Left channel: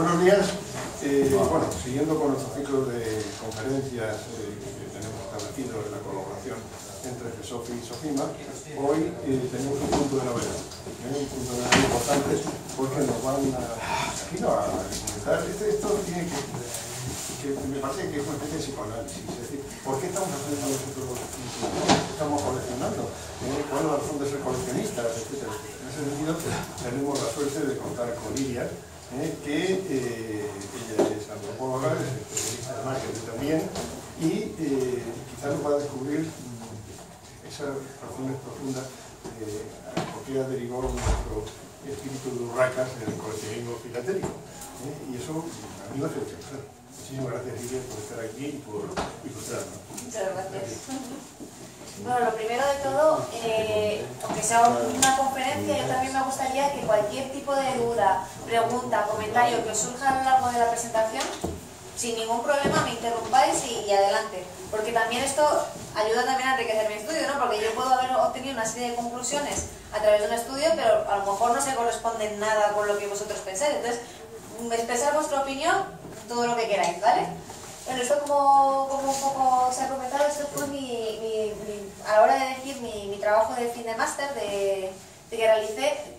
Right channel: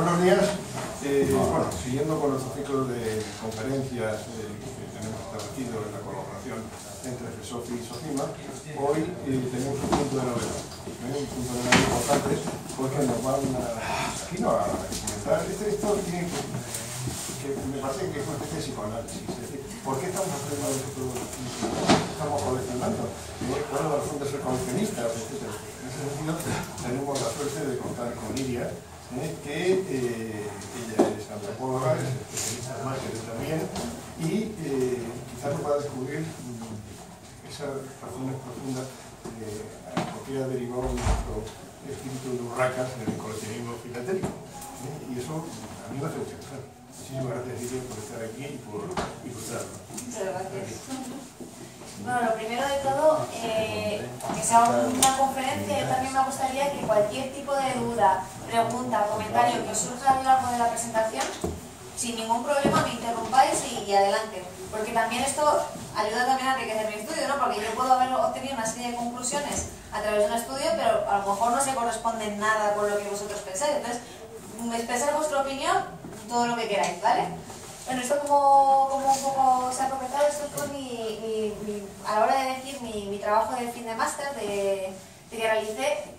Buenos días. Bueno, siguiendo con nuestro ciclo de conferencias que tenemos establecido en la colaboración entre FESOFI y SOCIMA, hoy tenemos un punto de novedad. Un punto de novedad importante porque nos van a comentar. Esto tiene que me parece que es una especie de psicoanálisis. Es decir, ¿por qué estamos haciendo nosotros? ¿Estamos coleccionando? ¿Cuál es la razón de ser coleccionistas? Etcétera. En ese sentido, tenemos la suerte de contar con Lidia, que ella es antropóloga, es especialista de marketing también, y quizás nos va a descubrir esas razones profundas por qué ha derivado nuestro espíritu de Urracas en el coleccionismo filatélico. Y eso a mí me hace pensar. Muchísimas gracias, Lidia, por estar aquí y por traernos. Muchas gracias. Bueno, lo primero de todo, que sea una conferencia, yo también me gustaría que cualquier tipo de duda, pregunta, comentario que os surja a lo largo de la presentación, sin ningún problema me interrumpáis y adelante. Porque también esto ayuda también a enriquecer mi estudio, ¿no? Porque yo puedo haber obtenido una serie de conclusiones a través de un estudio, pero a lo mejor no se corresponden nada con lo que vosotros pensáis. Entonces, expresar vuestra opinión, todo lo que queráis, ¿vale? Bueno, esto como un poco se ha comentado, esto fue a la hora de decir mi trabajo de fin de máster de que realicé,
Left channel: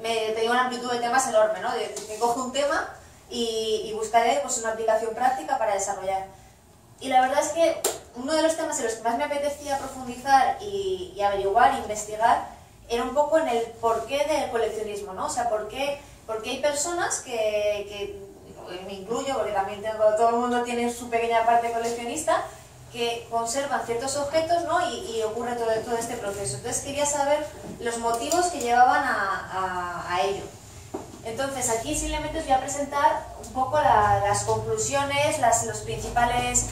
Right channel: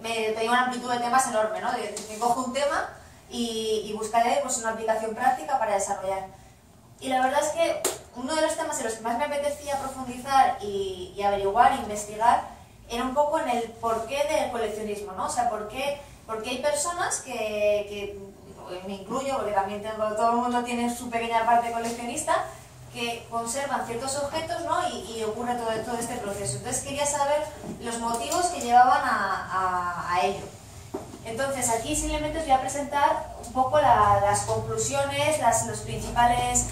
tenía una amplitud de temas enorme, ¿no? Que cojo un tema y buscaré pues, una aplicación práctica para desarrollar. Y la verdad es que uno de los temas en los que más me apetecía profundizar y averiguar, investigar, era un poco en el porqué del coleccionismo, ¿no? O sea, por qué hay personas que me incluyo, porque también todo el mundo tiene su pequeña parte coleccionista, que conservan ciertos objetos, ¿no? y ocurre todo este proceso. Entonces quería saber los motivos que llevaban a ello. Entonces aquí simplemente os voy a presentar un poco las conclusiones, los principales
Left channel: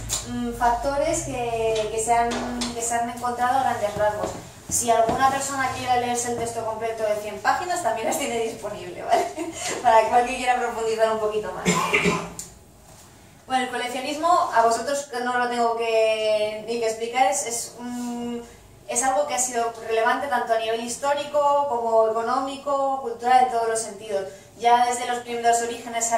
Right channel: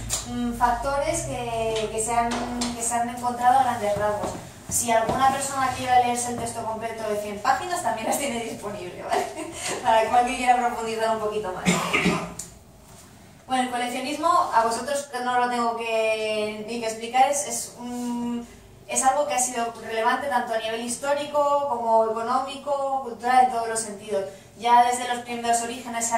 factores que se han encontrado a grandes rasgos. Si alguna persona quiera leerse el texto completo de 100 páginas, también las tiene disponible, ¿vale? Para cualquiera quiera profundizar un poquito más. Bueno, el coleccionismo, a vosotros no lo tengo ni que explicar, es algo que ha sido relevante tanto a nivel histórico como económico, cultural, en todos los sentidos. Ya desde los primeros orígenes se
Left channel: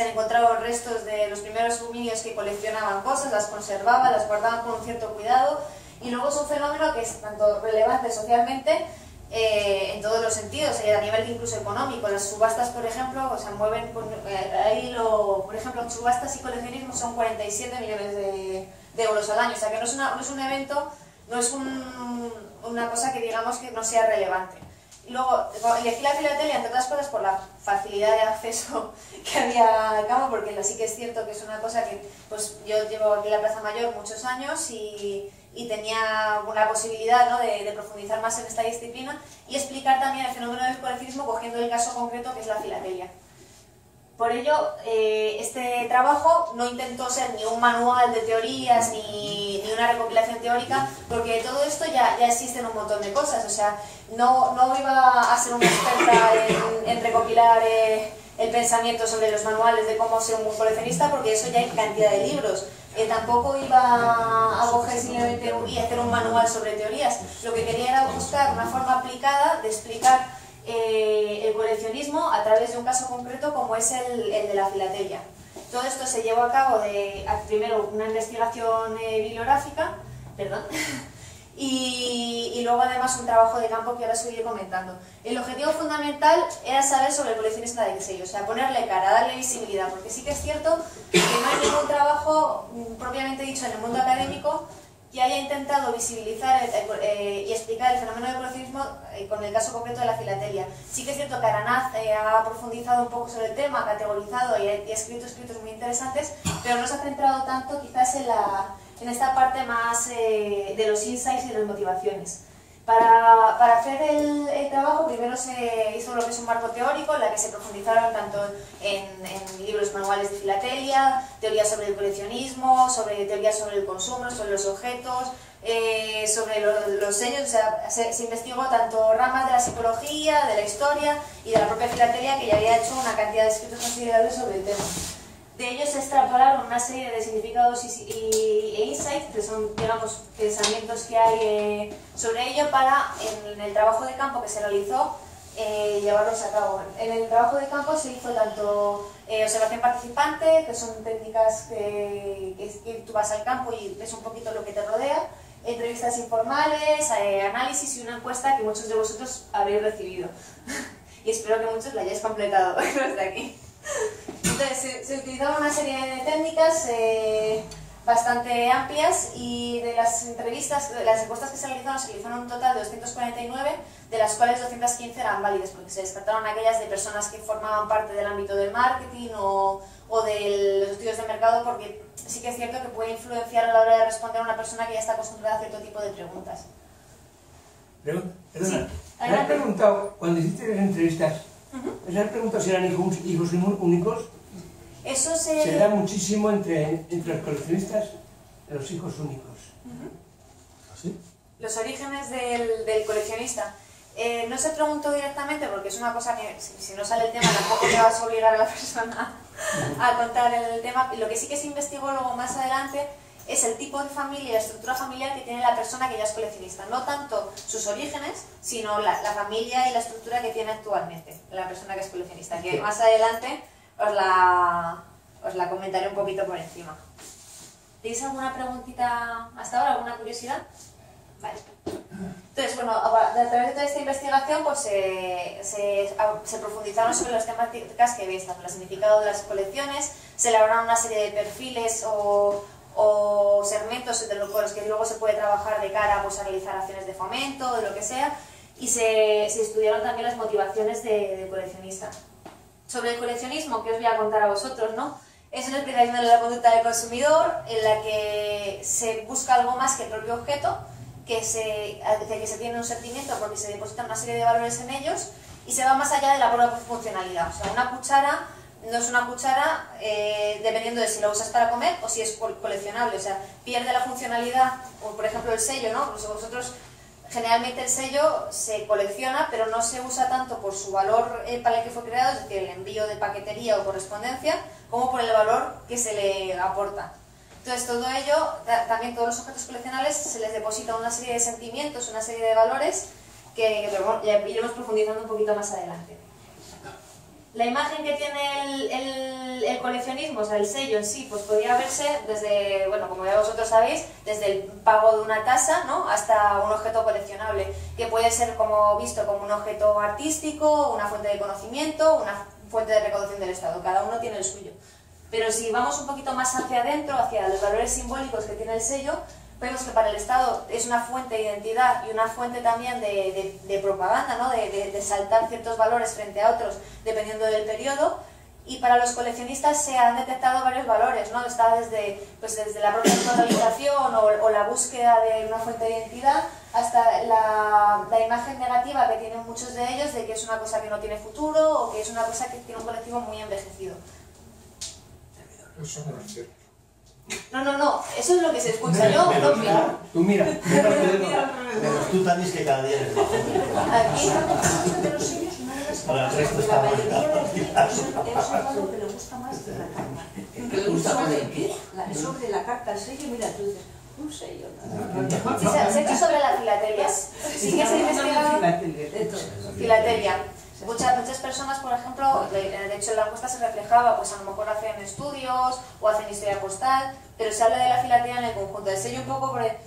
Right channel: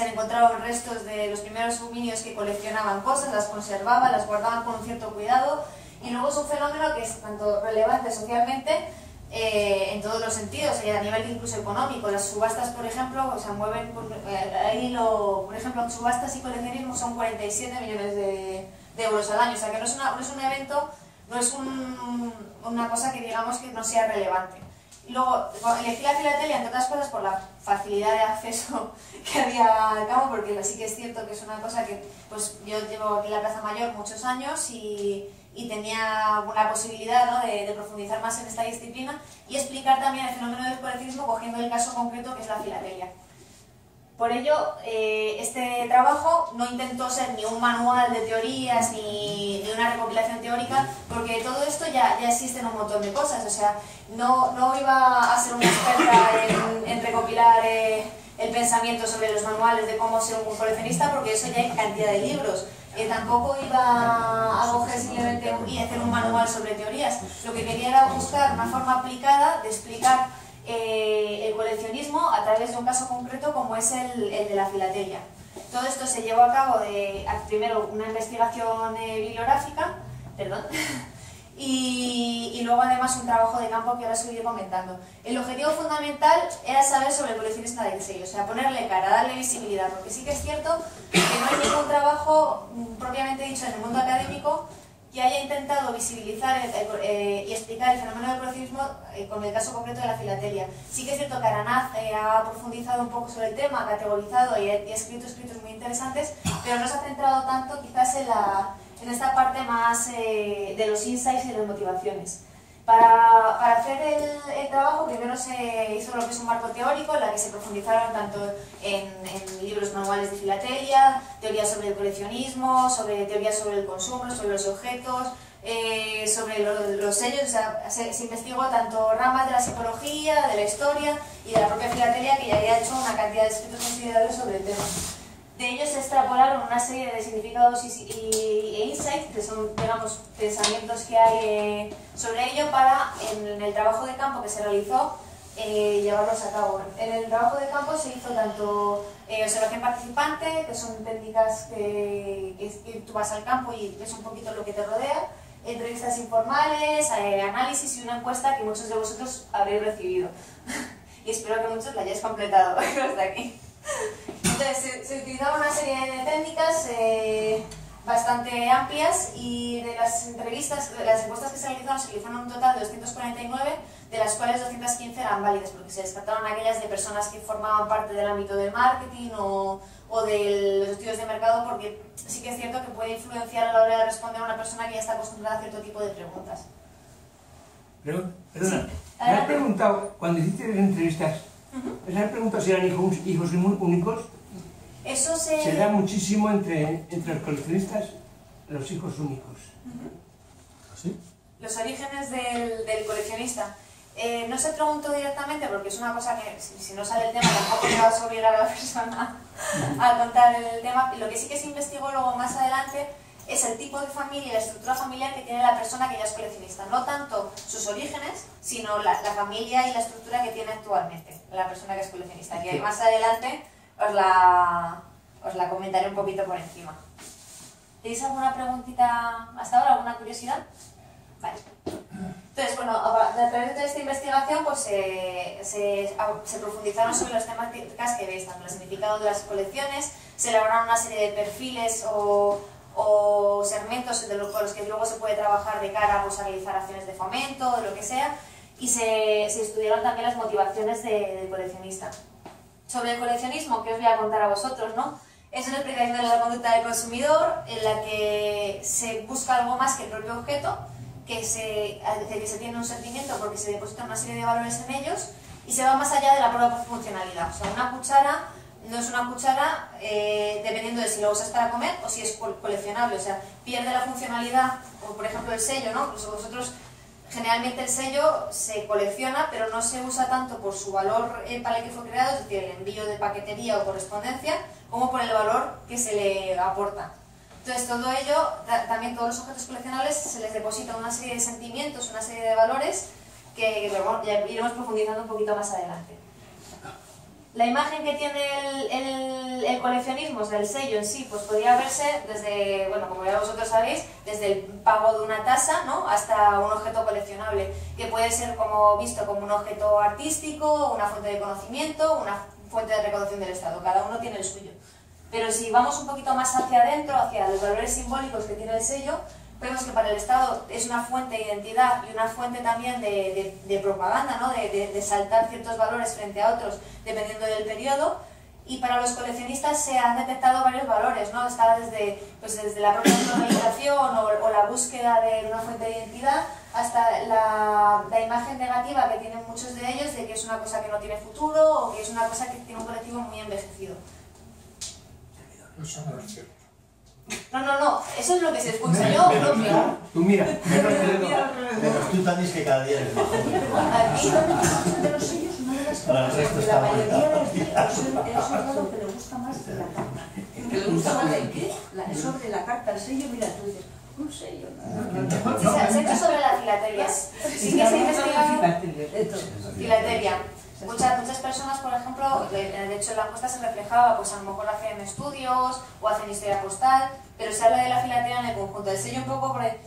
han encontrado restos de los primeros homínidos que coleccionaban cosas, las conservaban, las guardaban con un cierto cuidado. Y luego es un fenómeno que es tanto relevante socialmente en todos los sentidos, a nivel incluso económico. Las subastas, por ejemplo, se mueven, por ejemplo, subastas y coleccionismo son 47 millones de euros al año. O sea que no es un evento, no es una cosa que digamos que no sea relevante. Y luego elegí la filatelia, entre otras cosas, por la facilidad de acceso que había al campo, porque sí que es cierto que es una cosa que pues yo llevo aquí en la Plaza Mayor muchos años y tenía una posibilidad, ¿no? de profundizar más en esta disciplina y explicar también el fenómeno del coleccionismo cogiendo el caso concreto que es la filatelia. Por ello, este trabajo no intentó ser ni un manual de teorías ni una recopilación teórica, porque todo esto ya existe en un montón de cosas. O sea, no iba a ser una experta en recopilar el pensamiento sobre los manuales de cómo ser un coleccionista, porque eso ya hay cantidad de libros. Tampoco iba a coger simplemente y hacer un manual sobre teorías. Lo que quería era buscar una forma aplicada de explicar el coleccionismo a través de un caso concreto como es el de la filatelia. Todo esto se llevó a cabo primero una investigación bibliográfica, y luego además un trabajo de campo que ahora os iré comentando. El objetivo fundamental era saber sobre el coleccionista del sello, o sea, ponerle cara, darle visibilidad, porque sí que es cierto que no hay ningún trabajo propiamente dicho en el mundo académico que haya intentado visibilizar y explicar el fenómeno del coleccionismo con el caso concreto de la filatelia. Sí que es cierto que Aranaz ha profundizado un poco sobre el tema, ha categorizado y ha escrito escritos muy interesantes, pero no se ha centrado tanto quizás en esta parte más de los insights y de las motivaciones. Para hacer el trabajo primero se hizo lo que es un marco teórico en la que se profundizaron tanto en libros manuales de filatelia, teorías sobre el coleccionismo, teorías sobre el consumo, sobre los objetos, sobre los sellos. O sea, se investigó tanto ramas de la psicología, de la historia y de la propia filatelia, que ya había hecho una cantidad de escritos considerables sobre el tema. De ellos se extrapolaron una serie de significados e insights, que son, digamos, pensamientos que hay sobre ello, para, en el trabajo de campo que se realizó, llevarlos a cabo. En el trabajo de campo se hizo tanto observación participante, que son técnicas que tú vas al campo y ves un poquito lo que te rodea, entrevistas informales, análisis y una encuesta que muchos de vosotros habréis recibido. Y espero que muchos la hayáis completado hasta aquí. Entonces, se utilizaban una serie de técnicas bastante amplias, y de las entrevistas, de las encuestas que se realizaron un total de 249, de las cuales 215 eran válidas, porque se descartaron aquellas de personas que formaban parte del ámbito del marketing o de los estudios de mercado, porque sí que es cierto que puede influenciar a la hora de responder a una persona que ya está acostumbrada a cierto tipo de preguntas. Pero, perdona, Sí. me has preguntado, cuando hiciste las entrevistas, ¿me has preguntado si eran hijos únicos? Eso Se da muchísimo entre los coleccionistas, los hijos únicos. ¿Sí? Los orígenes del coleccionista. No se preguntó directamente, porque es una cosa que, si no sale el tema, tampoco te vas a obligar a la persona a contar el tema. Lo que sí que se investigó luego más adelante es el tipo de familia y la estructura familiar que tiene la persona que ya es coleccionista. No tanto sus orígenes, sino la familia y la estructura que tiene actualmente la persona que es coleccionista, que más adelante os la comentaré un poquito por encima. ¿Tenéis alguna preguntita hasta ahora? ¿Alguna curiosidad? Vale. Entonces, bueno, a través de toda esta investigación pues, se profundizaron sobre las temáticas que veis, tanto el significado de las colecciones, se elaboraron una serie de perfiles o segmentos con los que luego se puede trabajar de cara pues, a realizar acciones de fomento, de lo que sea, y se estudiaron también las motivaciones del coleccionista. Sobre el coleccionismo, que os voy a contar a vosotros, ¿no? Es una explicación de la conducta del consumidor en la que se busca algo más que el propio objeto, que se tiene un sentimiento porque se depositan una serie de valores en ellos, y se va más allá de la propia funcionalidad. O sea, una cuchara no es una cuchara dependiendo de si lo usas para comer o si es coleccionable. O sea, pierde la funcionalidad, o por ejemplo el sello, ¿no? Pues vosotros, generalmente el sello se colecciona, pero no se usa tanto por su valor para el que fue creado, es decir, el envío de paquetería o correspondencia, como por el valor que se le aporta. Entonces, todo ello, también todos los objetos coleccionables, se les deposita una serie de sentimientos, una serie de valores que ya iremos profundizando un poquito más adelante. La imagen que tiene el coleccionismo, o sea, el sello en sí, pues podría verse desde, bueno, como ya vosotros sabéis, desde el pago de una tasa, ¿no?, hasta un objeto coleccionable, que puede ser visto como un objeto artístico, una fuente de conocimiento, una fuente de recaudación del Estado. Cada uno tiene el suyo. Pero si vamos un poquito más hacia adentro, hacia los valores simbólicos que tiene el sello, vemos que para el Estado es una fuente de identidad y una fuente también de propaganda, ¿no?, de saltar ciertos valores frente a otros dependiendo del periodo. Y para los coleccionistas se han detectado varios valores, ¿no? Está desde la propia autorrealización o la búsqueda de una fuente de identidad, hasta la imagen negativa que tienen muchos de ellos de que es una cosa que no tiene futuro o que es una cosa que tiene un colectivo muy envejecido. Eso no es cierto. No, eso es lo que se escucha. Yo no opino. Tú mira, Pero tú también es que cada día eres más joven. Aquí de los sellos no es Para el resto porque está la mayoría mal. es algo que le gusta más que la carta. ¿Que le gusta más el qué? Es sobre la carta, el sello, mira, tú dices, un sello. sí, se ha hecho sobre la filatelia. Sí que se ha investigado filatelia. Muchas personas, por ejemplo, de hecho en la encuesta se reflejaba, pues a lo mejor hacen estudios o hacen historia postal, pero se habla de la filatelia en el conjunto. El sello un poco, porque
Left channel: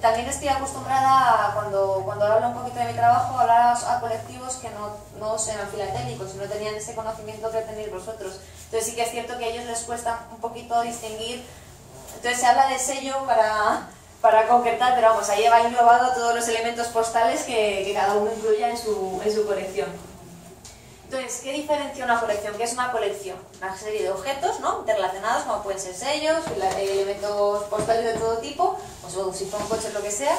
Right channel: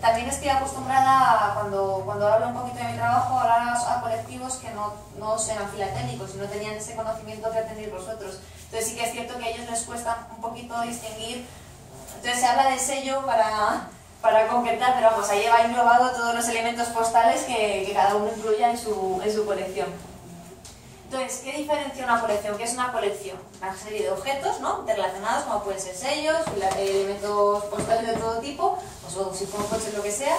también estoy acostumbrada, cuando hablo un poquito de mi trabajo, a hablar a colectivos que no sean filatélicos y no tenían ese conocimiento que tenéis vosotros. Entonces sí que es cierto que a ellos les cuesta un poquito distinguir. Entonces se habla del sello para concretar, pero vamos, ahí va englobado todos los elementos postales que cada uno incluya en su colección. Entonces, ¿qué diferencia una colección? ¿Qué es una colección? Una serie de objetos, ¿no?, interrelacionados, como pueden ser sellos, elementos postales de todo tipo, o si son coches, lo que sea,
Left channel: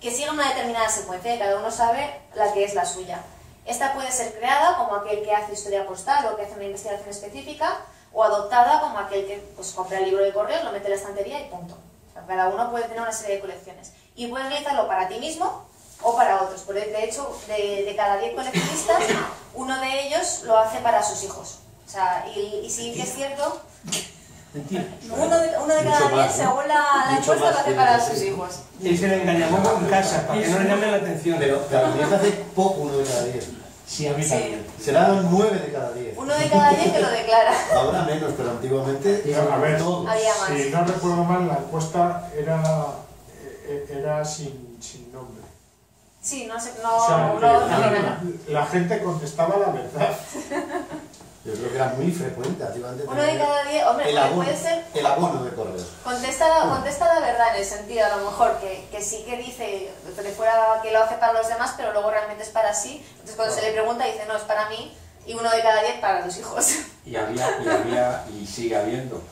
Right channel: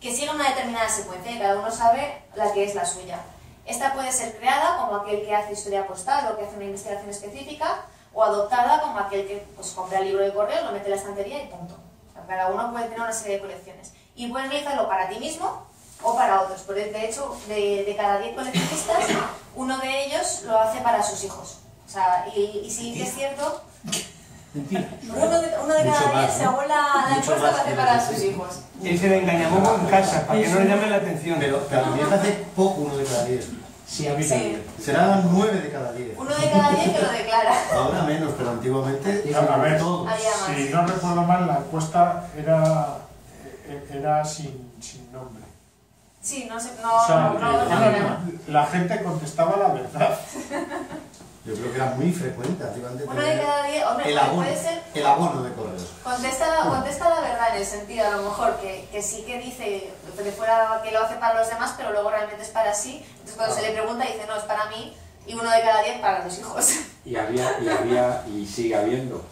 que siguen una determinada secuencia y cada uno sabe la que es la suya. Esta puede ser creada como aquel que hace historia postal o que hace una investigación específica, o adoptada como aquel que pues, compra el libro de correos, lo mete en la estantería y punto. O sea, cada uno puede tener una serie de colecciones. Y puedes realizarlo para ti mismo o para otros. Pero de hecho, de cada 10 coleccionistas, uno de ellos lo hace para sus hijos. O sea, y sí que es cierto, uno de cada 10, según la encuesta, lo hace para sus hijos. Ese le engañamos en casa, para que no le llame la atención. Pero también hace poco uno de cada 10. Sí, a mí Sí. también. Serán 9 de cada 10. 1 de cada 10 que lo declara. Ahora menos, pero antiguamente A ver, Había más. si no recuerdo mal, la encuesta era sin nombre. Sí, no sé, O sea, no. la gente contestaba la verdad. yo creo que era muy frecuente. Antiguamente 1 de cada 10, hombre, el abono, puede ser. el abono de correos. Contesta la verdad en el sentido, a lo mejor, que sí que dice que fuera que lo hace para los demás, pero luego realmente es para sí. Entonces cuando se le pregunta dice, no, es para mí, y 1 de cada 10 para los hijos. Y había y sigue habiendo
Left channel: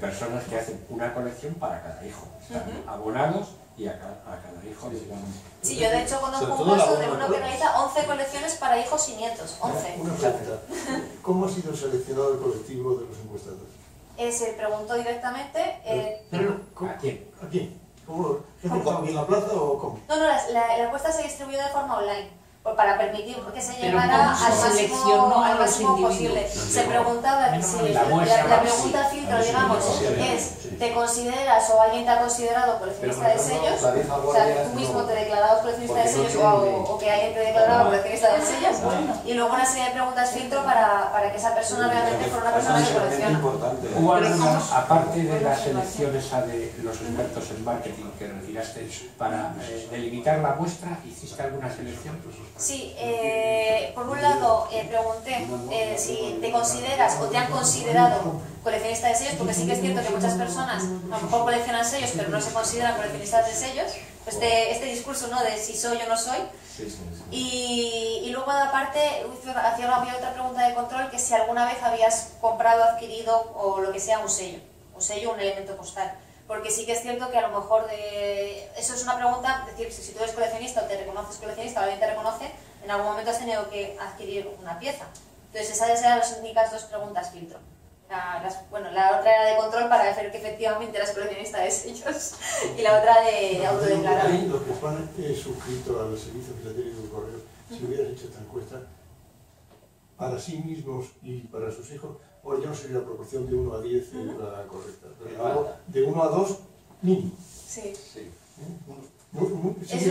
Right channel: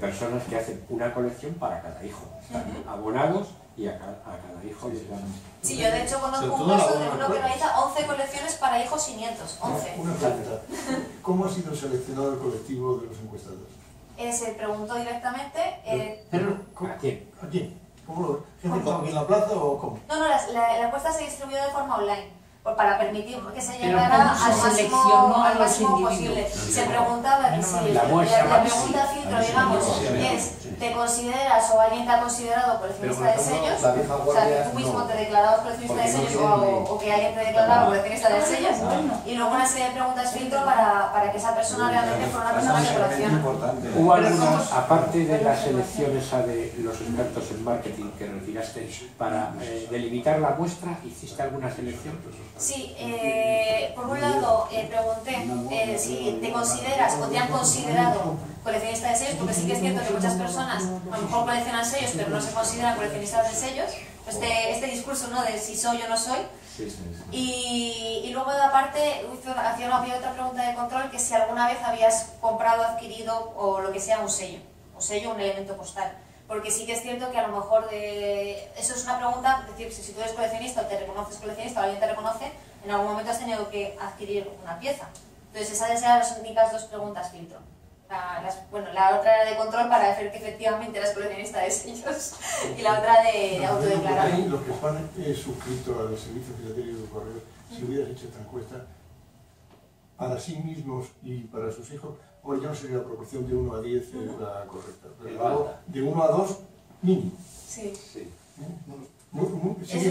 personas que hacen una colección para cada hijo. Están abonados y a cada hijo les dan. Sí, yo de hecho conozco Sobre un todo caso la de buena uno que cosa. realiza 11 colecciones para hijos y nietos. 11. Una pregunta. ¿Cómo ha sido seleccionado el colectivo de los encuestados? Se preguntó directamente. ¿A quién? ¿A quién? ¿Cómo lo? ¿Gente estaba aquí en la plaza o cómo? No, la encuesta se distribuyó de forma online. Para permitir que se Pero llegara ¿cómo se al seleccionó máximo, a al los máximo individuos? posible. Se preguntaba que si La muestra, la pregunta filtro, digamos, es ¿te consideras o alguien te ha considerado coleccionista de sellos? O sea, tú mismo te declarabas coleccionista de sellos o que alguien te declaraba coleccionista de sellos. Y luego una serie de preguntas filtro para que esa persona realmente fuera una persona que colecciona. ¿Hubo alguna, aparte de las elecciones de los expertos en marketing que retiraste para delimitar la muestra, hiciste alguna selección? Sí, por un lado pregunté si te consideras o te han considerado coleccionista de sellos, porque sí que es cierto que muchas personas a lo mejor coleccionan sellos pero no se consideran coleccionistas de sellos. Este discurso, ¿no?, de si soy o no soy. Y luego aparte había otra pregunta de control, que si alguna vez habías comprado, adquirido o lo que sea un sello, un elemento postal. Porque sí que es cierto que a lo mejor eso es una pregunta, es decir, si tú eres coleccionista o te reconoces coleccionista o alguien te reconoce, en algún momento has tenido que adquirir una pieza. Entonces esas eran las únicas 2 preguntas filtro. La otra era de control para ver que efectivamente eras coleccionista de sellos y la otra de autodeclarar. Los que están suscritos al servicio filatélico de correos, si hubieras hecho esta encuesta para sí mismos y para sus hijos, bueno, ya no sería la proporción de 1 a 10 la correcta, pero de 1 a 2 mínimo. Sí. Sí. Es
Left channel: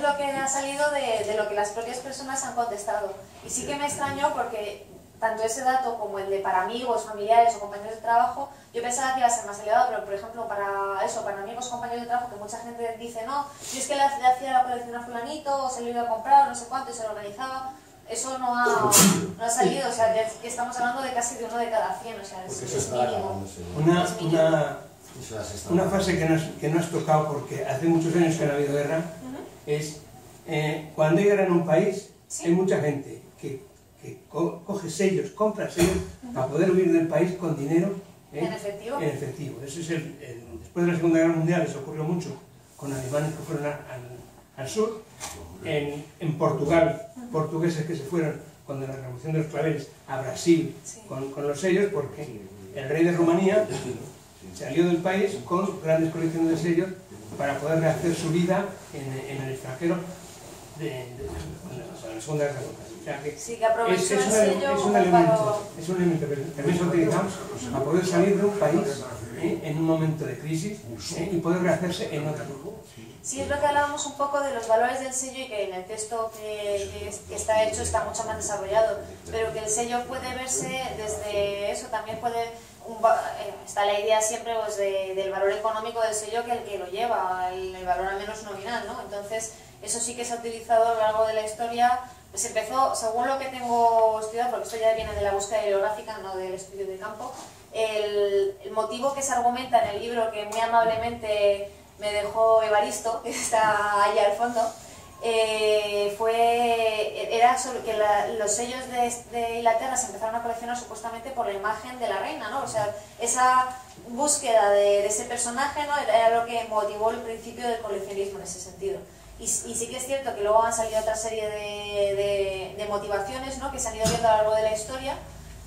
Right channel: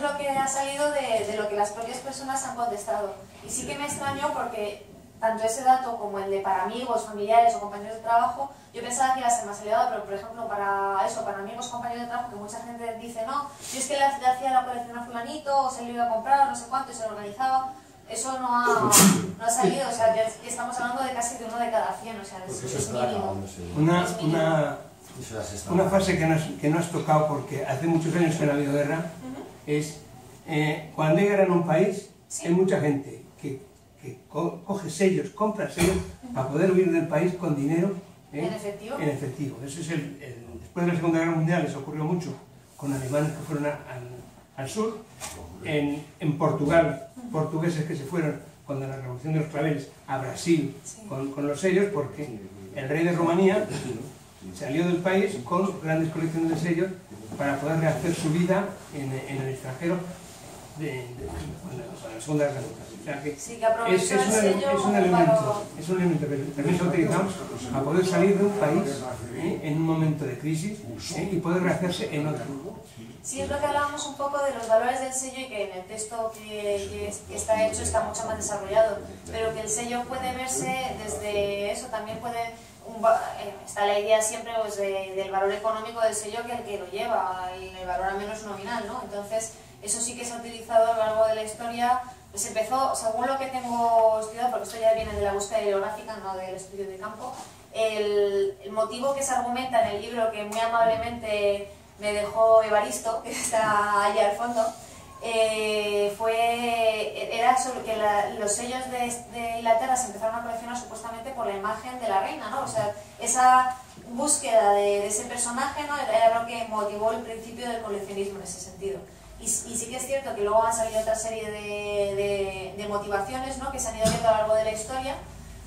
lo que ha salido de lo que las propias personas han contestado. Y sí que me extrañó porque tanto ese dato como el de para amigos, familiares o compañeros de trabajo, yo pensaba que iba a ser más elevado, pero por ejemplo para amigos, compañeros de trabajo, que mucha gente dice, no, yo es que le hacía la colección a fulanito, o se lo iba a comprar, no sé cuánto, y se lo organizaba. Eso no ha salido, o sea, que estamos hablando de casi de 1 de cada 100, o sea, es mínimo. Una frase que no has tocado, porque hace muchos años que no ha habido guerra, es cuando hay guerra en un país, hay mucha gente que coge sellos, compra sellos para poder huir del país con dinero ¿En efectivo? En efectivo. Eso es después de la Segunda Guerra Mundial, eso ocurrió mucho con alemanes que fueron al sur, en Portugal, portugueses que se fueron cuando la Revolución de los Claveles a Brasil con los sellos, porque el rey de Rumanía salió del país con grandes colecciones de sellos para poder rehacer su vida en el extranjero de la Segunda Guerra Mundial. O sea que sí, que aprovechó el sello es un elemento que también se utilizamos para poder salir de un país en un momento de crisis y poder rehacerse en otro. Sí, es lo que hablábamos un poco de los valores del sello y que en el texto que está hecho está mucho más desarrollado, pero que el sello puede verse desde eso, también está la idea siempre pues, del valor económico del sello que el que lo lleva, el valor al menos nominal, ¿no? Entonces, eso sí que se ha utilizado a lo largo de la historia. Pues empezó, según lo que tengo estudiado, porque esto ya viene de la búsqueda bibliográfica, no del estudio de campo, el motivo que se argumenta en el libro que muy amablemente me dejó Evaristo, que está ahí al fondo, era sobre que los sellos de Inglaterra se empezaron a coleccionar supuestamente por la imagen de la reina, ¿no? O sea, esa búsqueda de ese personaje, ¿no?, era lo que motivó el principio del coleccionismo en ese sentido. Y sí que es cierto que luego han salido otra serie de motivaciones, ¿no?, que se han ido viendo a lo largo de la historia.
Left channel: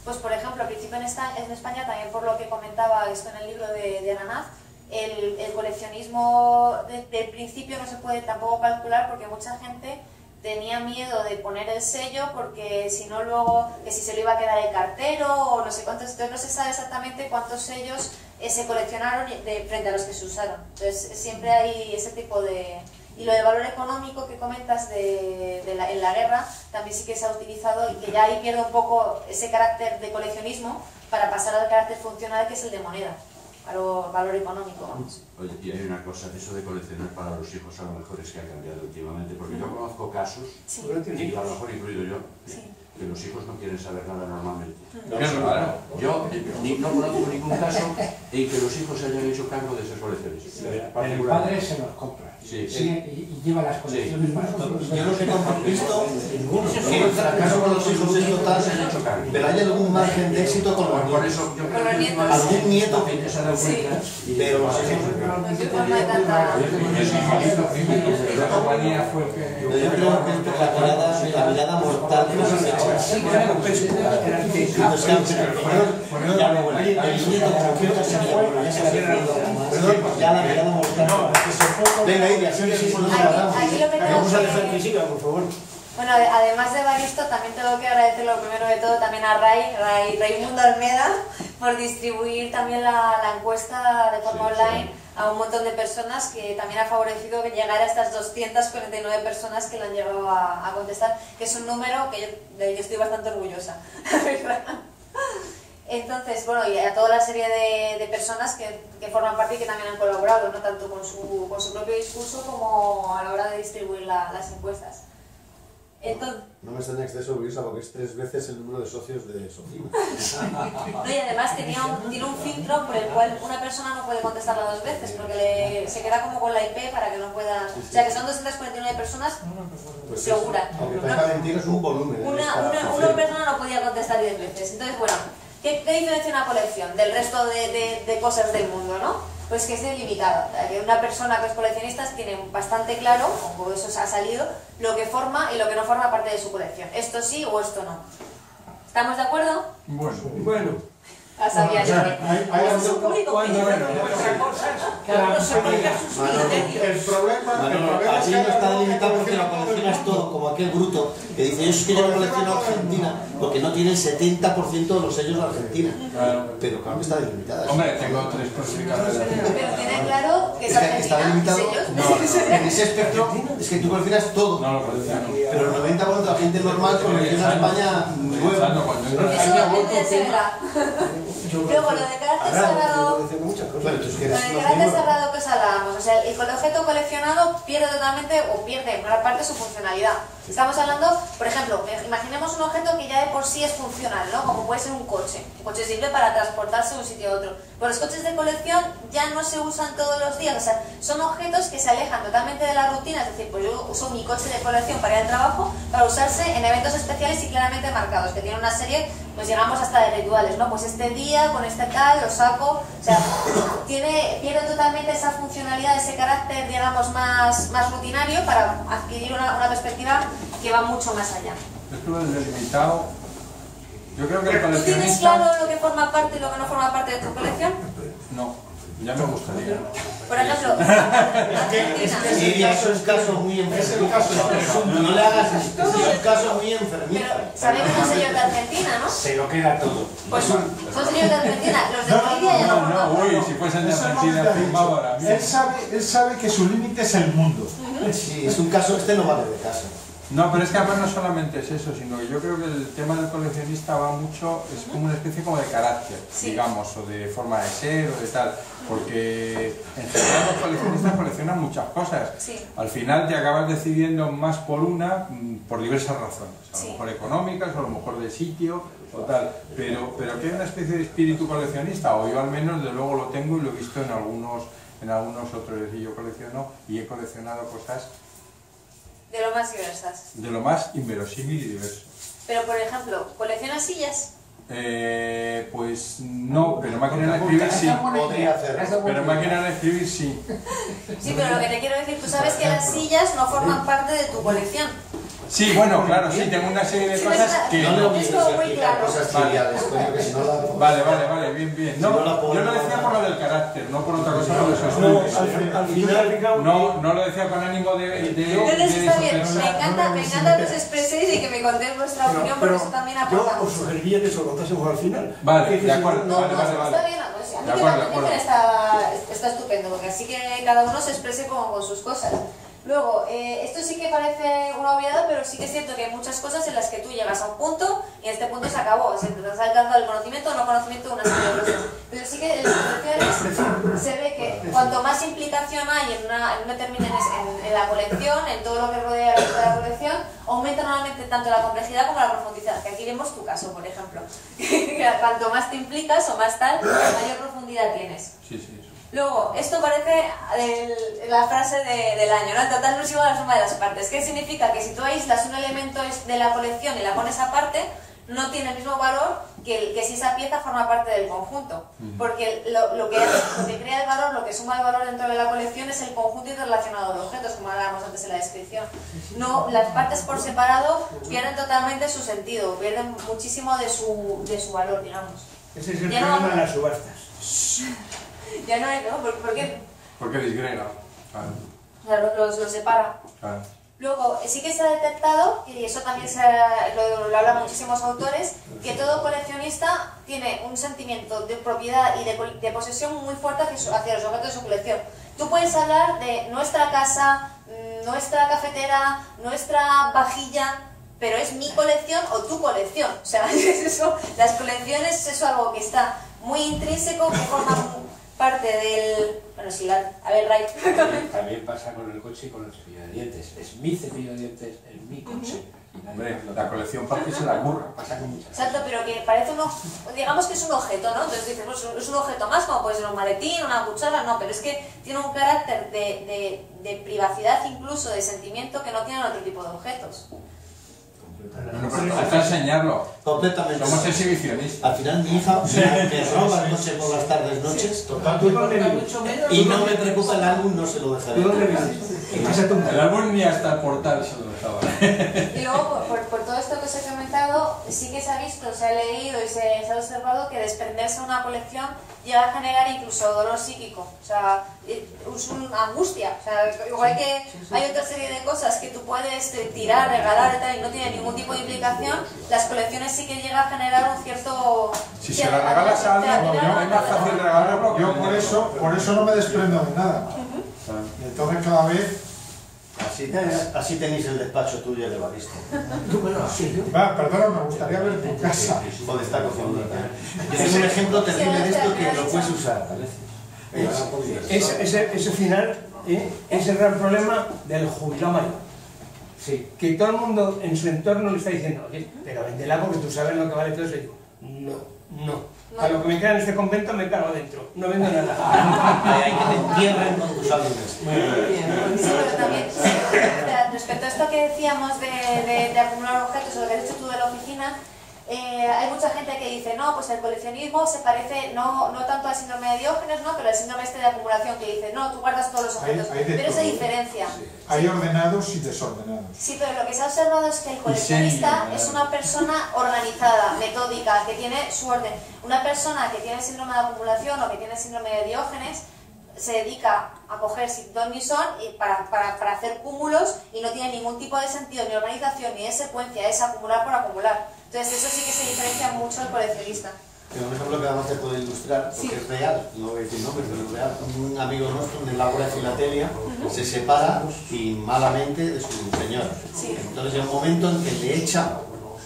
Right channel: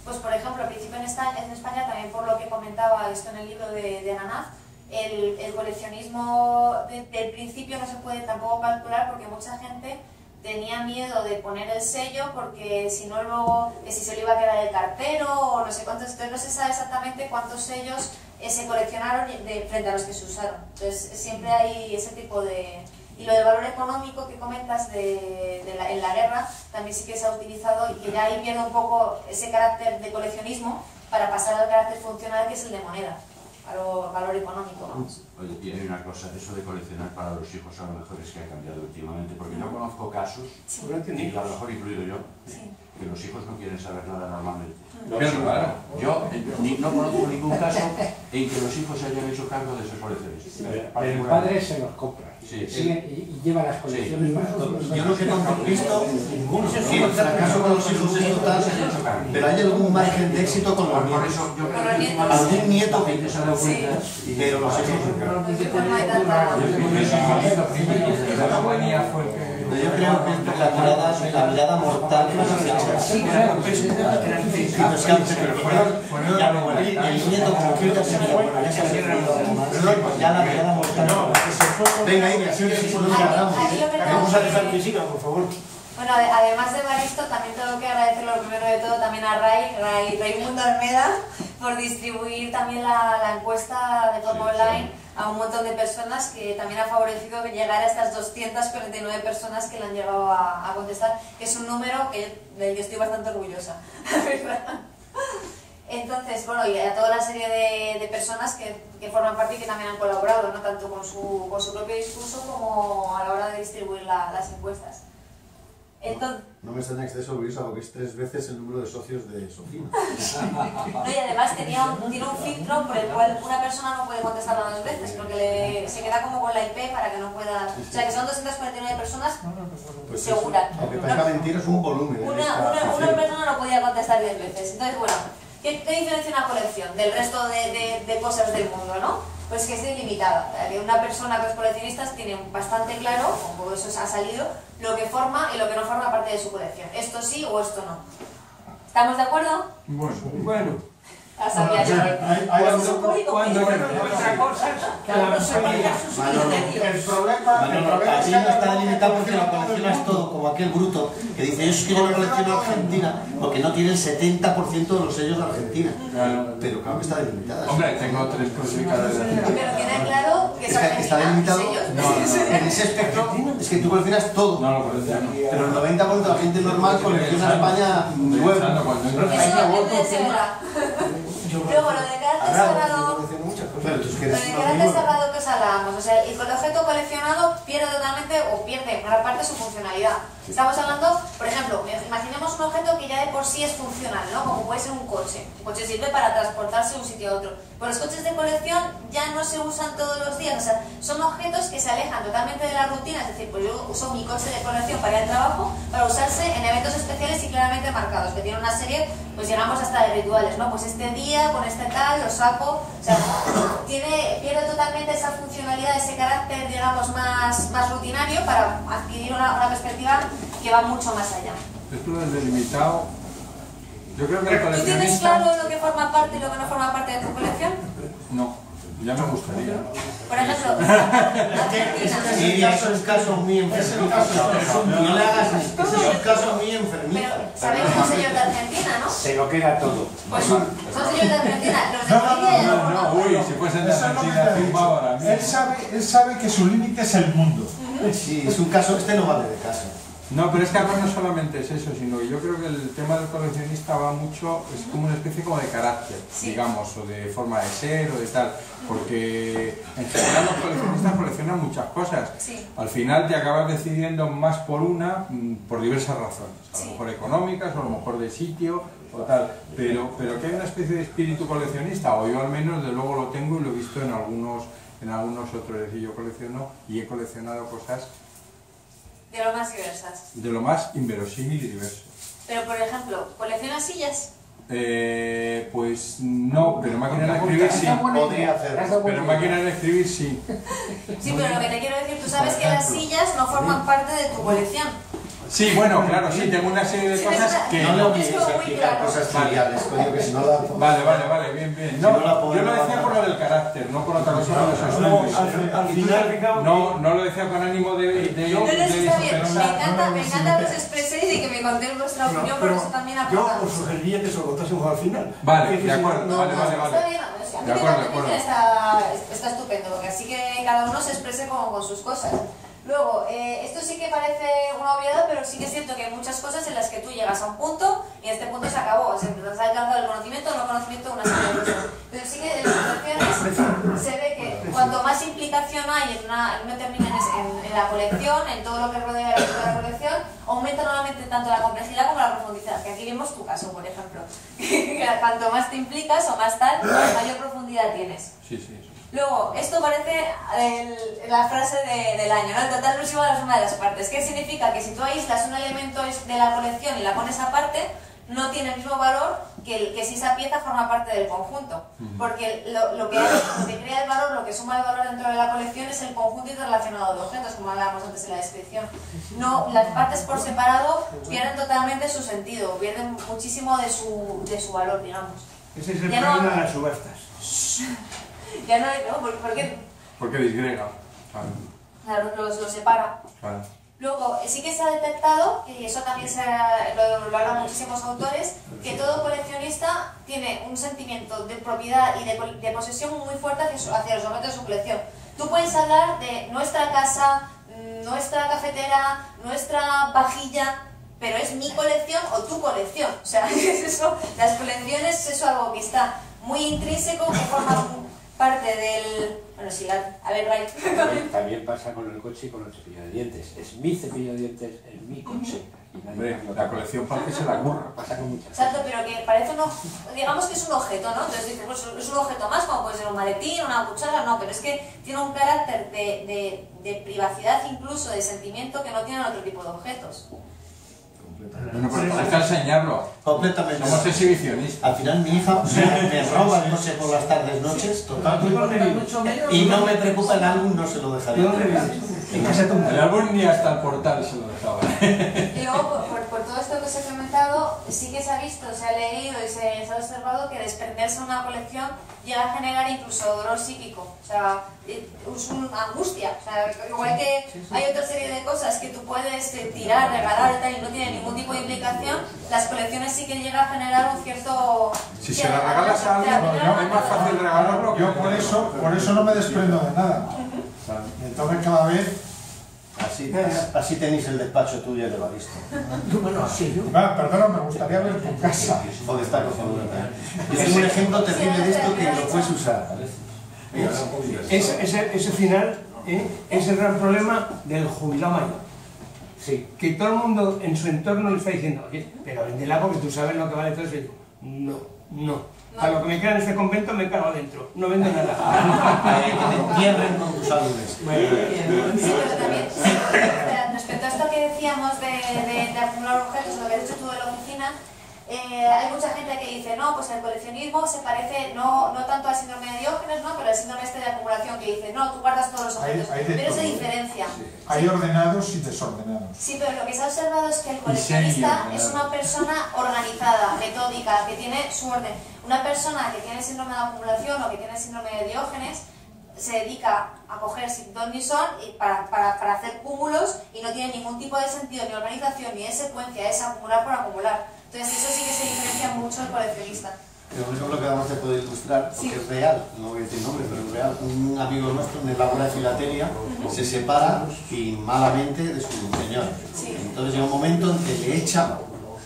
Pues por ejemplo, al principio en España, también por lo que comentaba esto en el libro de Ananaz, el coleccionismo del principio no se puede tampoco calcular porque mucha gente tenía miedo de poner el sello porque si no luego, que si se le iba a quedar el cartero o no sé cuántos, entonces no se sabe exactamente cuántos sellos se coleccionaron frente a los que se usaron. Entonces siempre hay ese tipo de... Y lo de valor económico que comentas en la guerra también sí que se ha utilizado y que ya ahí pierde un poco ese carácter de coleccionismo para pasar al carácter funcional que es el de moneda, valor económico, vamos. Oye, y hay una cosa, eso de coleccionar para los hijos a lo mejor es que ha cambiado últimamente, porque yo conozco casos, Sí. y a lo mejor incluido yo, Sí. que los hijos no quieren saber nada normalmente. Claro. Yo no conozco ningún caso en que los hijos se hayan hecho cargo de ser coleccionistas. El padre se los compra Sí, y lleva las colecciones para todos. Yo lo que no he visto, ninguno. Sí, el fracaso con los hijos es total, pero hay algún margen de éxito con los Por nietos. eso yo Con los nietos. Algún nieto, gente se ha dado cuenta. Sí. pero los hijos No hay tanta... yo creo que es la mirada mortal que nos acecha. Sí, claro, pero es El nieto concreto se ya la mirada mortal. Venga, Iria, sigue por lo que hablamos. Aquí lo que tengo Vamos a que- dejar que siga, por favor. Bueno, además de Baristo, también tengo que agradecer lo primero de todo también a Raimundo Almeda por distribuir también la encuesta de forma online a un montón de personas, que también ha favorecido que llegara a estas 249 personas que le han llegado a contestar, que es un número del que estoy bastante orgullosa, la verdad. Entonces, bueno, y a toda la serie de personas que forman parte y que también han colaborado, ¿no? Tanto con su propio discurso como a la hora de distribuir las encuestas. Entonces, No me está en exceso, Luisa, porque es 3 veces el número de socios de Sofía. no, y además tiene un filtro por el cual una persona no puede contestarla 2 veces, porque se queda como con la IP para que no pueda... O sea, que son 249 personas Pues segura. Aunque parezca mentira, es un volumen. Una persona no podía contestar 10 veces. Entonces, bueno, ¿qué diferencia una colección del resto de cosas del mundo, no? Pues que es ilimitada. Que una persona que es coleccionista tiene bastante claro, como eso ha salido, lo que forma y lo que no forma parte de su colección. Esto sí o esto no. ¿Estamos de acuerdo? Bueno. Sabía yo que... Es un público Cuando objetivo. otra cosa, Cada uno se marca sus criterios. El problema Así no está delimitado porque lo coleccionas todo, como aquel bruto que dice: yo es que yo no colecciono Argentina porque no tiene el 70% de los sellos de Argentina. Pero claro que está delimitada. Hombre, tengo 3 clasificadas. Pero tiene claro que es Es que está Argentina, delimitado. sellos. En ese espectro es que tú coleccionas todo. No lo colecciono. Pero el 90% de la gente normal colecciona España nueva. Eso se verá. Luego, lo de carácter cerrado... Pero tú es que Con eres el uno carácter mismo. cerrado que os hablábamos, o sea, el objeto coleccionado pierde totalmente o pierde en gran parte su funcionalidad. Estamos hablando, por ejemplo, imaginemos un objeto que ya de por sí es funcional, ¿no? Como puede ser un coche. Un coche sirve para transportarse de un sitio a otro. Pero los coches de colección ya no se usan todos los días, o sea, son objetos que se alejan totalmente de la rutina, es decir, pues yo uso mi coche de colección para ir al trabajo, para usarse en eventos especiales y claramente marcados, que tienen una serie, pues llegamos hasta de rituales, ¿no? Pues este día, con este tal, lo saco, o sea, pierde totalmente esa funcionalidad, ese carácter, digamos, más rutinario para adquirir una perspectiva que va mucho más allá. Es que lo del delimitado, yo creo que el ¿Tú tienes coleccionista... claro lo que forma parte y lo que no forma parte de tu colección? No, ya me gustaría. Por ejemplo, Argentina. Sí, es un caso muy enfermizo. No le hagas esto, es un caso muy enfermizo. Pero sabéis los sellos de Argentina, ¿no? Se lo queda todo. Pues son sellos de Argentina. Los de Bolivia ya no forman Uy, parte. si fuesen de Eso no Argentina, te ha firmaba dicho. ahora mismo. Él sabe que su límite es el mundo. Sí, es un caso este no vale de caso. No, pero es que además no solamente es eso, sino que yo creo que el tema del coleccionista va mucho, es como una especie como de carácter, Sí. digamos, o de forma de ser o de tal, porque en general los coleccionistas coleccionan muchas cosas. Sí. Al final te acabas decidiendo más por una, por diversas razones, a lo Sí. mejor económicas o a lo mejor de sitio o tal, pero que hay una especie de espíritu coleccionista, o yo al menos de luego lo tengo y lo he visto en algunos otros, es decir, yo colecciono y he coleccionado cosas De lo más diversas. de lo más inverosímil y diverso. Pero, por ejemplo, ¿coleccionas sillas? Pues no, pero máquina de escribir sí. Podría hacer. Pero máquina de escribir sí. Sí, pero lo que te quiero decir, tú sabes que las sillas no forman parte de tu colección. Sí, bueno, claro, sí, tengo una serie de Sí, cosas que no no. lo es como muy claro. Cosas triviales, coño, que si no la... Vale, bien. No, yo lo decía por lo del carácter, no por otra cosa, por eso Al final, no lo decía con ánimo de No les está bien, disociar. me encanta que os expreséis y que me contéis vuestra opinión, porque eso también Yo aporta os mucho. sugeriría que se lo contásemos al final. Vale, Que de acuerdo. No, Vale. está bien, a mí De me acuerdo, parece que está estupendo, porque así que cada uno se exprese como con sus cosas. Luego, esto sí que parece una obviedad, pero sí que es cierto que hay muchas cosas en las que tú llegas a un punto y en este punto se acabó. Se has alcanzado el conocimiento o no conocimiento de una serie de cosas. Pero sí que en las colecciones se ve que cuanto más implicación hay en la colección, en todo lo que rodea la colección, aumenta normalmente tanto la complejidad como la profundidad. Que aquí vemos tu caso, por ejemplo. Cuanto más te implicas o más tal, mayor profundidad tienes. Sí, sí. Luego, esto parece la frase del año, ¿no? El total exclusivo de la suma de las partes. ¿Qué significa? Que si tú aíslas un elemento de la colección y la pones aparte, no tiene el mismo valor que si esa pieza forma parte del conjunto. Porque lo que crea el valor, lo que suma el valor dentro de la colección es el conjunto interrelacionado de objetos, como hablábamos antes en la descripción. No, las partes por separado pierden totalmente su sentido, pierden muchísimo de su valor, digamos. Ese es el problema de las subastas. Ya no hay, ¿no? ¿Por qué? Porque disgrega. Claro, lo separa. Claro. Luego, sí que se ha detectado, y eso también lo hablan muchísimos autores, que todo coleccionista tiene un sentimiento de propiedad y de posesión muy fuerte hacia los objetos de su colección. Tú puedes hablar de nuestra casa, nuestra cafetera, nuestra vajilla, pero es mi colección o tu colección. O sea, es eso, las colecciones es algo que está muy intrínseco, que forma parte del... Bueno, sí, a ver, Ray. También pasa con el coche y con el cepillo de dientes. Es mi cepillo de dientes, es mi coche. Hombre, la colección parte se la curra. Pasa con muchas. Exacto, pero que parece digamos que es un objeto, ¿no? Entonces dices, pues es un objeto más, como puede ser un maletín, una cuchara, no, pero es que tiene un carácter de privacidad, incluso de sentimiento, que no tienen otro tipo de objetos. Bueno, pero hay que enseñarlo. Completamente. Somos exhibicionistas. Al final mi hija me roba el noche por las tardes noches, y no me preocupa el álbum, no se lo dejaré. En casa de El álbum ni hasta el portal se lo dejaba. Y luego, por todo esto que os he comentado, sí que se ha visto, se ha leído y se ha observado que desprenderse de una colección llega a generar incluso dolor psíquico, o sea, es una angustia. O sea, igual que hay otra serie de cosas que tú puedes tirar, regalar y tal, y no tiene ningún tipo de implicación, las colecciones sí que llegan a generar un cierto... Si se la regalas a alguien, es más fácil regalarlo. Yo por eso no me desprendo de nada. Entonces cada vez... Así tenéis el despacho tuyo de Baristo. Bueno, sí. Va, perdona, me gustaría ver tu casa. ¿Dónde está cocinando? Yo tengo un ejemplo terrible de esto que lo puedes usar. Ese final es el gran problema del jubilado mayor. Sí, que todo el mundo en su entorno le está diciendo, oye, pero vende el agua que tú sabes lo que vale todo eso. Y digo, no. A lo que me queda en este convento me cargo adentro. No vendo nada. Hay que te entierren con tus álbumes. Sí, pero también, respecto a esto que decíamos de acumular objetos, o lo que has dicho tú de la oficina, hay mucha gente que dice, no, pues el coleccionismo se parece no tanto al síndrome de Diógenes, ¿no? Pero al síndrome este de acumulación, que dice, no, tú guardas todos los objetos, pero se diferencia. Sí. Hay ordenados y desordenados. Sí, pero lo que se ha observado es que el coleccionista es una persona organizada, metódica, que tiene su orden. Una persona que tiene síndrome de acumulación o que tiene síndrome de Diógenes se dedica a coger sin ton ni son para hacer cúmulos y no tiene ningún tipo de sentido, ni organización, ni de secuencia, es acumular por acumular. Entonces eso sí que se diferencia mucho del coleccionista. Un ejemplo que además se puede ilustrar, porque es real, no voy a decir nombres, pero es real. Un amigo nuestro en el Ágora de Filatelia se separa y malamente de su señora. Entonces llega un momento en que le echa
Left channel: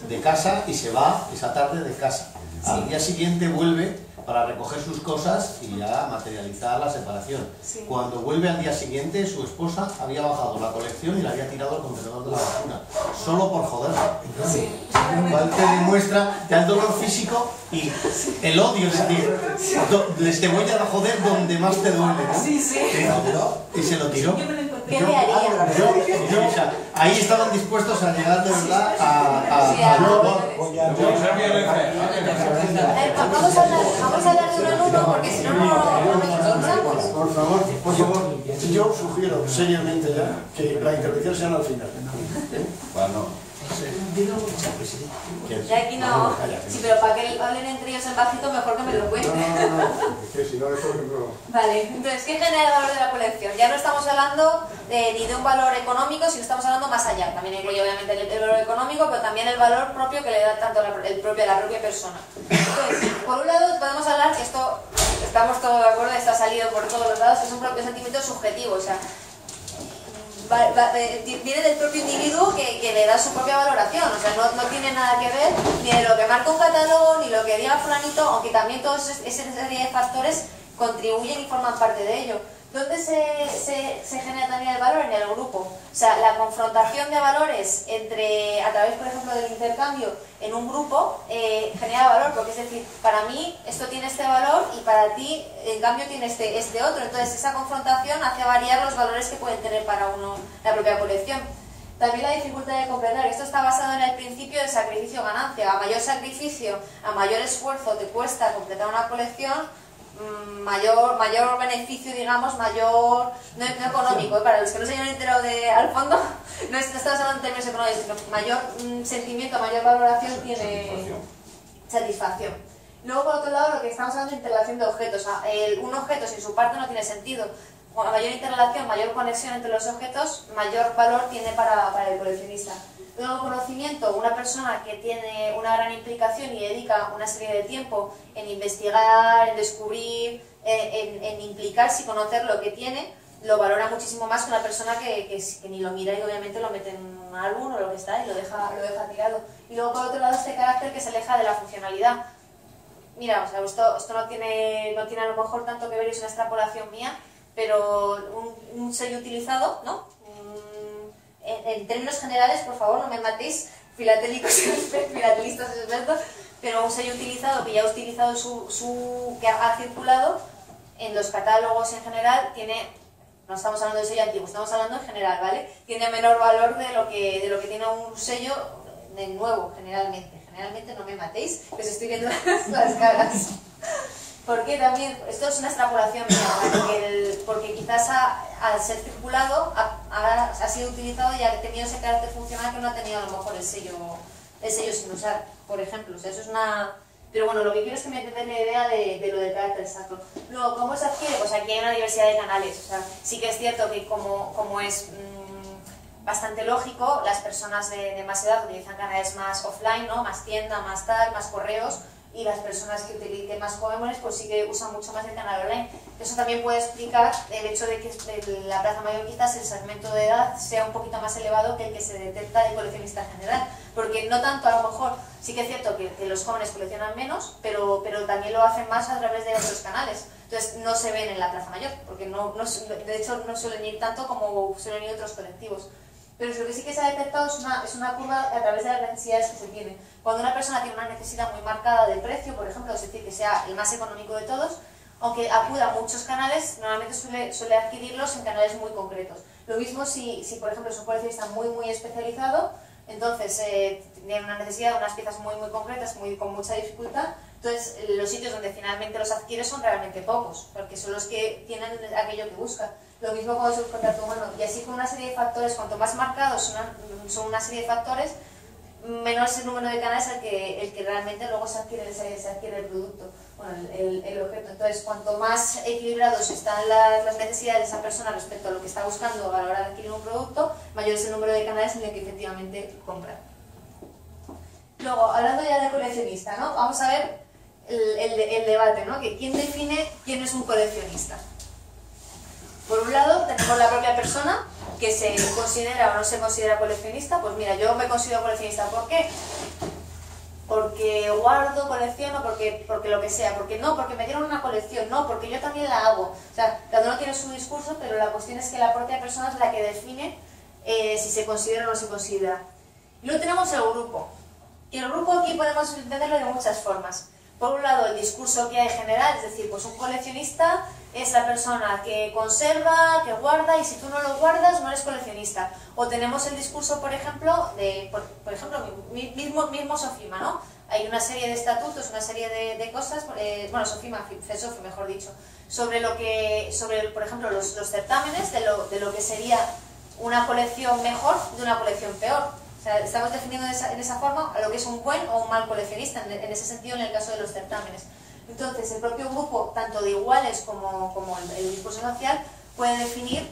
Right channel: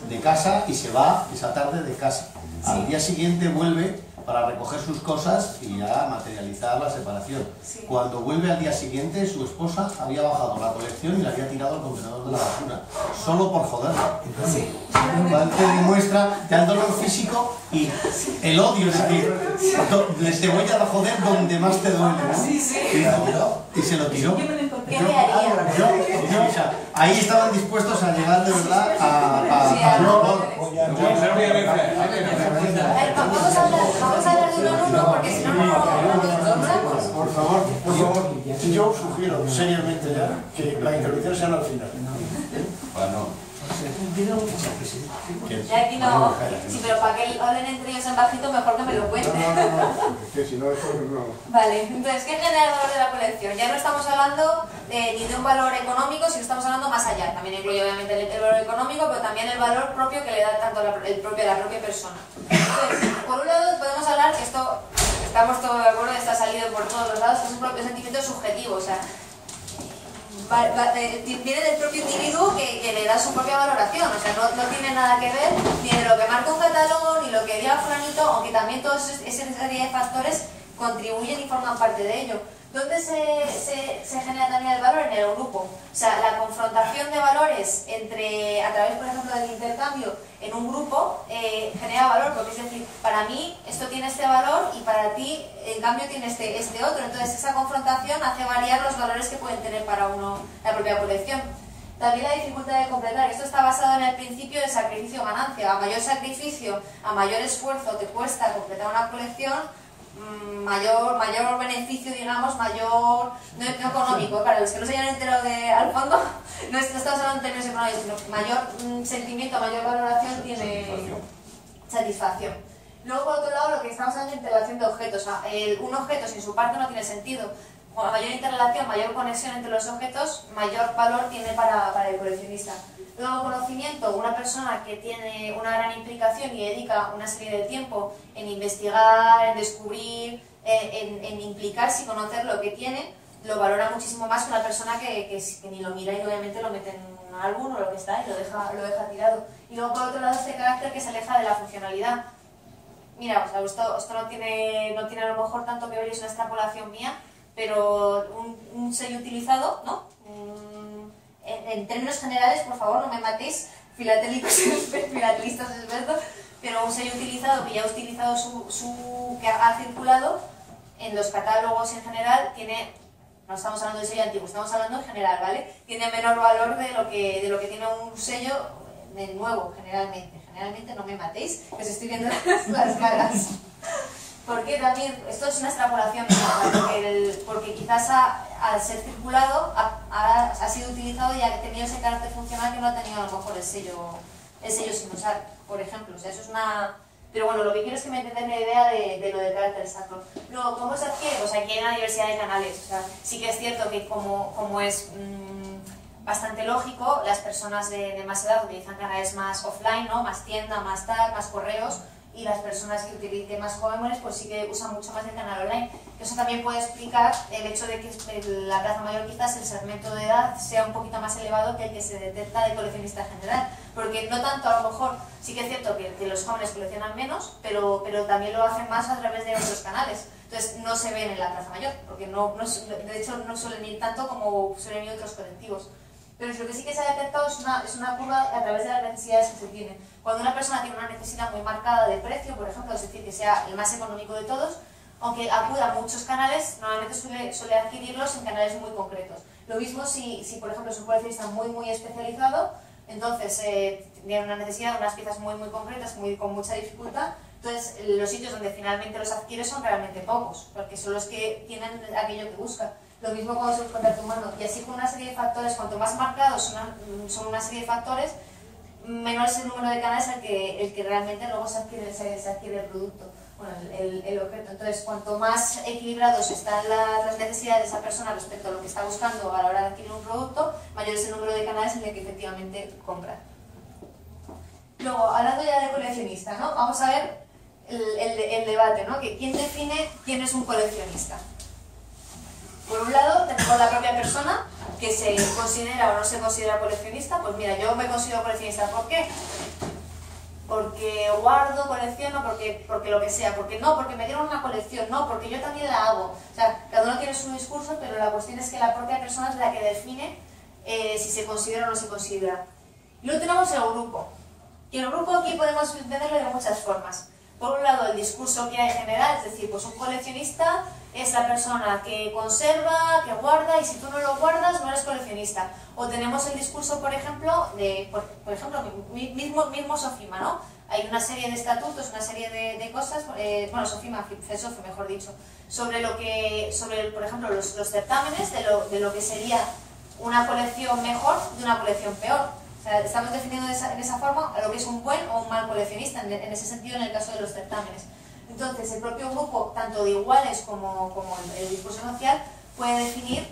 de casa y se va esa tarde de casa. Al día siguiente vuelve para recoger sus cosas y ya materializar la separación. Cuando vuelve al día siguiente, su esposa había bajado la colección y la había tirado al contenedor de la basura, solo por joderla. Igual te demuestra que el dolor físico y el odio, es decir, te voy a joder donde más te duele, ¿no? Y se lo tiró. ¿Qué le haría? Ahí estaban dispuestos a llegar de verdad Vamos a hablar de uno en uno porque si no nos encontramos. Por favor, yo sugiero seriamente ya que la intervención sea al final. Bueno. Ya aquí no... Sí, pero para que hablen entre ellos en bajito, mejor que me lo cuenten. Que si no, eso no... Vale, entonces, ¿qué genera el valor de la colección? Ya no estamos hablando ni de un valor económico, sino estamos hablando más allá. También incluye obviamente el valor económico, pero también el valor propio que le da tanto la propia persona. Entonces, por un lado podemos hablar, esto estamos todos de acuerdo, está salido por todos los lados, que es un propio sentimiento subjetivo, o sea, viene del propio individuo que le da su propia valoración, o sea, no tiene nada que ver ni de lo que marca un catálogo, ni lo que diga fulanito, aunque también todos esa serie de factores contribuyen y forman parte de ello. ¿Dónde se genera también el valor? En el grupo. O sea, la confrontación de valores a través, por ejemplo, del intercambio en un grupo genera valor, porque es decir, para mí esto tiene este valor y para ti, en cambio, tiene este otro. Entonces, esa confrontación hace variar los valores que pueden tener para uno la propia colección. También la dificultad de completar. Esto está basado en el principio de sacrificio-ganancia. A mayor sacrificio, a mayor esfuerzo te cuesta completar una colección, mayor beneficio, digamos, mayor, no económico, para los que no se hayan enterado al fondo, no estamos hablando en términos económicos, sino mayor sentimiento, mayor valoración tiene satisfacción. Luego, por otro lado, lo que estamos hablando de interrelación de objetos. Un objeto sin su parte no tiene sentido. A mayor interrelación, mayor conexión entre los objetos, mayor valor tiene para el coleccionista. Luego, conocimiento, una persona que tiene una gran implicación y dedica una serie de tiempo en investigar, en descubrir, en implicarse y conocer lo que tiene, lo valora muchísimo más que una persona que ni lo mira y obviamente lo mete en un álbum o lo que está y lo deja tirado. Y luego, por otro lado, este carácter que se aleja de la funcionalidad. Mira, o sea, esto no tiene a lo mejor tanto que ver, es una extrapolación mía, pero un sello utilizado, ¿no? En términos generales, por favor, no me matéis, filatelistas expertos, pero un sello utilizado que ya ha utilizado que ha circulado en los catálogos en general tiene, no estamos hablando de sello antiguo, estamos hablando en general, ¿vale? Tiene menor valor de lo que tiene un sello de nuevo, generalmente. Generalmente no me matéis, pues estoy viendo las caras. Porque también, esto es una extrapolación, porque quizás al ser circulado ha sido utilizado y ha tenido ese carácter funcional que no ha tenido a lo mejor el sello sin usar, por ejemplo. O sea, eso es una... Pero bueno, lo que quiero es que me entendáis la idea de lo del carácter sacro. Luego, ¿cómo se adquiere? Pues aquí hay una diversidad de canales. O sea, sí que es cierto que como es bastante lógico, las personas de más edad utilizan canales más offline, ¿no? Más tienda, más tal, más correos. Y las personas que utilicen más jóvenes pues sí que usan mucho más el canal online. Eso también puede explicar el hecho de que la Plaza Mayor quizás el segmento de edad sea un poquito más elevado que el que se detecta de coleccionista general, porque no tanto, a lo mejor sí que es cierto que los jóvenes coleccionan menos, pero también lo hacen más a través de otros canales. Entonces no se ven en la Plaza Mayor, porque de hecho no suelen ir tanto como suelen ir otros colectivos. Pero lo que sí que se ha detectado es una curva a través de las necesidades que se tienen. Cuando una persona tiene una necesidad muy marcada de precio, por ejemplo, es decir, que sea el más económico de todos, aunque acuda a muchos canales, normalmente suele adquirirlos en canales muy concretos. Lo mismo si por ejemplo, es un coleccionista muy especializado, entonces tiene una necesidad de unas piezas muy concretas, con mucha dificultad, entonces los sitios donde finalmente los adquiere son realmente pocos, porque son los que tienen aquello que busca. Lo mismo con el subcontacto humano, y así con una serie de factores, cuanto más marcados son una serie de factores, menor es el número de canales el que realmente luego se adquiere el producto, bueno, el objeto. Entonces, cuanto más equilibrados están las necesidades de esa persona respecto a lo que está buscando a la hora de adquirir un producto, mayor es el número de canales en el que efectivamente compra. Luego, hablando ya de coleccionista, ¿no? Vamos a ver el debate, ¿no? Que ¿quién define quién es un coleccionista? Por un lado, tenemos la propia persona, que se considera o no se considera coleccionista. Pues mira, yo me considero coleccionista. ¿Por qué? Porque guardo, colecciono, porque lo que sea. Porque me dieron una colección, no, porque yo también la hago. O sea, cada uno tiene su discurso, pero la cuestión es que la propia persona es la que define si se considera o no se considera. Y luego tenemos el grupo. Y el grupo aquí podemos entenderlo de muchas formas. Por un lado, el discurso que hay en general, es decir, pues un coleccionista es la persona que conserva, que guarda, y si tú no lo guardas no eres coleccionista. O tenemos el discurso, por ejemplo, mismo Sofima, ¿no? Hay una serie de estatutos, una serie de cosas, bueno, Sofima, CESOFI, mejor dicho, sobre por ejemplo, los certámenes de lo que sería una colección mejor de una colección peor. O sea, estamos definiendo en esa forma a lo que es un buen o un mal coleccionista, en ese sentido en el caso de los certámenes. Entonces, el propio grupo, tanto de iguales como el discurso social, puede definir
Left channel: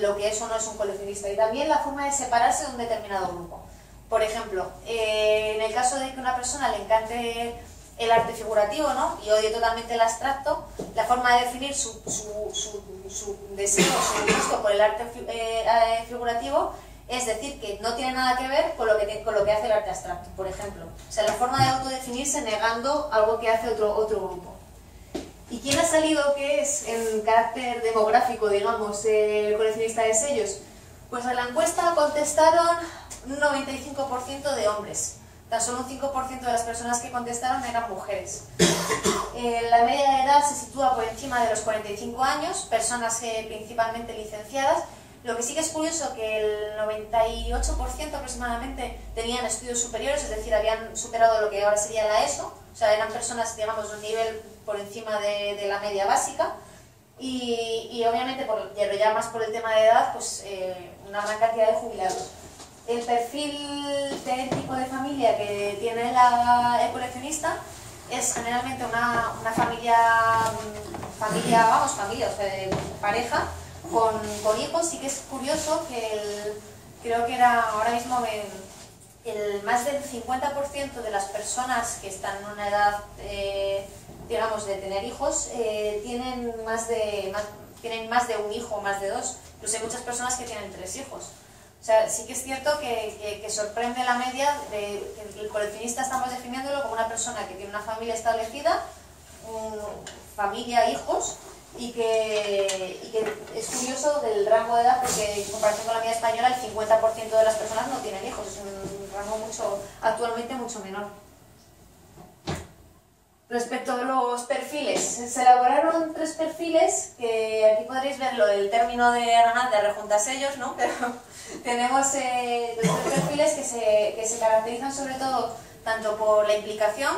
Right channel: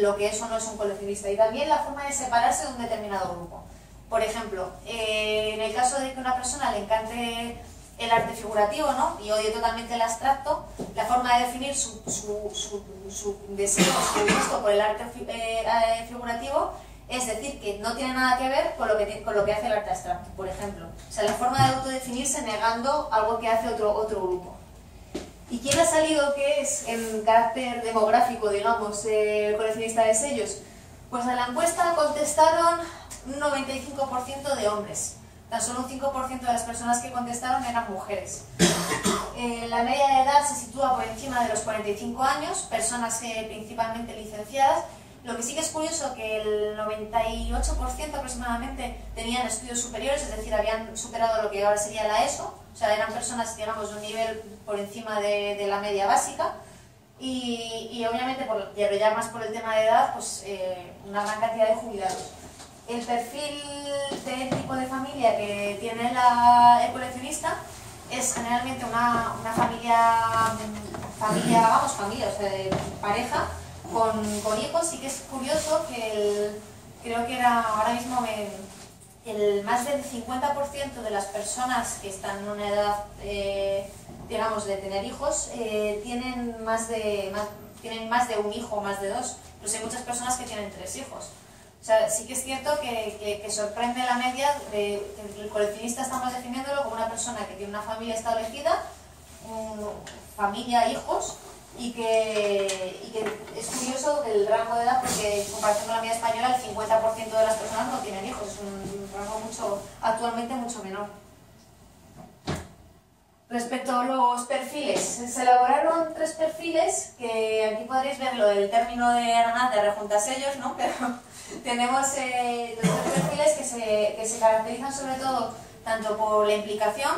lo que es o no es un coleccionista, y también la forma de separarse de un determinado grupo. Por ejemplo, en el caso de que a una persona le encante el arte figurativo, ¿no? Y odio totalmente el abstracto, la forma de definir su deseo, su gusto por el arte figurativo es decir que no tiene nada que ver con lo que hace el arte abstracto, por ejemplo. O sea, la forma de autodefinirse negando algo que hace otro grupo. ¿Y quién ha salido que es en carácter demográfico, digamos, el coleccionista de sellos? Pues a la encuesta contestaron un 95% de hombres. Tan solo un 5% de las personas que contestaron eran mujeres. La media de edad se sitúa por encima de los 45 años, personas principalmente licenciadas. Lo que sí que es curioso que el 98% aproximadamente tenían estudios superiores, es decir, habían superado lo que ahora sería la ESO, o sea, eran personas, digamos, de un nivel por encima de la media básica. Y obviamente, ya más por el tema de edad, pues una gran cantidad de jubilados. El perfil del tipo de familia que tiene el coleccionista es generalmente una familia, o sea, de pareja, con hijos. Sí que es curioso que creo que era ahora mismo el más del 50% de las personas que están en una edad, digamos, de tener hijos, tienen más de un hijo, más de dos. Incluso hay muchas personas que tienen 3 hijos. O sea, sí que es cierto que sorprende la media de que el coleccionista estamos definiéndolo como una persona que tiene una familia establecida, familia, hijos, y que es curioso el rango de edad, porque en comparación con la media española el 50% de las personas no tienen hijos, es un rango actualmente mucho menor. Respecto a los perfiles, se elaboraron 3 perfiles, que aquí podréis ver lo del término de rejuntasellos, ¿no? Pero tenemos 3 perfiles que se caracterizan sobre todo tanto por la implicación